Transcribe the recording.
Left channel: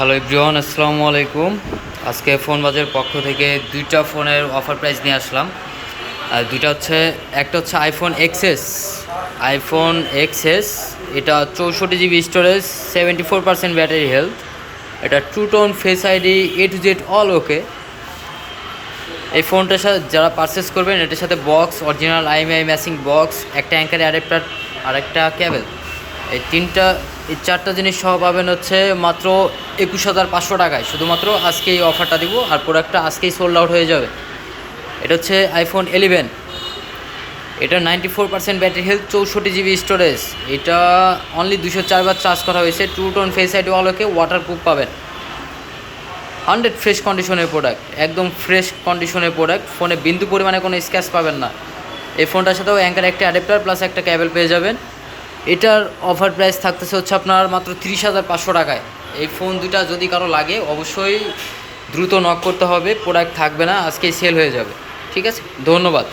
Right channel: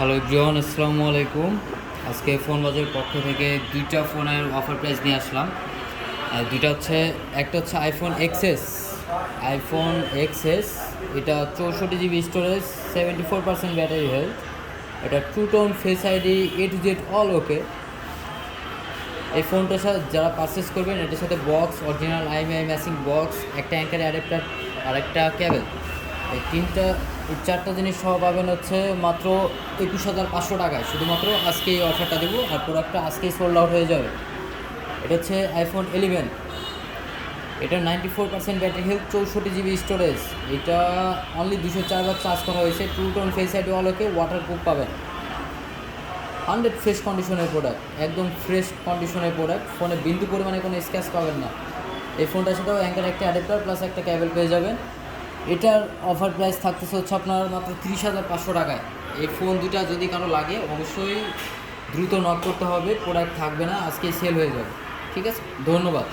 Hello everyone, আসসালামু আলাইকুম। আজকে ফোন বাজারের পক্ষ থেকে দুইটা ফোনের অফার প্রাইস নিয়ে আসলাম। আর দুইটা হচ্ছে, একটা হচ্ছে আইফোন এক্সএস। এটা 64 GB স্টোরেজ, 74% ব্যাটারি হেলথ। এটা true tone face ID, A to Z all okay. এই ফোনটার সাথে যারা পারচেস করবেন, এটার সাথে box, original IMEI matching box, একটা অ্যাঙ্কার অ্যাডাপ্টার আর একটা কেবল, এই চারটা জিনিস সহ পাবেন হচ্ছে মাত্র 21,500 টাকায়। শুধুমাত্র আজকে এই অফারটা দিব, আর প্রোডাক্টটা আজকেই সোল্ড আউট হয়ে যাবে। এটা হচ্ছে আইফোন 11। এটা 94% ব্যাটারি হেলথ, 64 GB স্টোরেজ। এটা অনলি 204 বার চার্জ করা হয়েছে। টু টোন ফেস আইডি অলোকে ওয়াটারপ্রুফ পাবেন। 100 ফ্রেশ কন্ডিশনের প্রোডাক্ট, একদম ফ্রেশ কন্ডিশনের প্রোডাক্ট। ফোনে বিন্দু পরিমাণে কোনো স্ক্র্যাচ পাবেন না। এই ফোনটার সাথেও অ্যাঙ্কার একটা অ্যাডাপ্টার প্লাস একটা কেবল পেয়ে যাবেন। এটার অফার প্রাইস থাকতেছে হচ্ছে আপনার মাত্র 30,500 টাকায়। এই ফোন দুটা যদি কারো লাগে, অবশ্যই দ্রুত নক করতে হবে, প্রোডাক্ট থাকবে না, আজকেই সেল হয়ে যাবে। ঠিক আছে, ধন্যবাদ।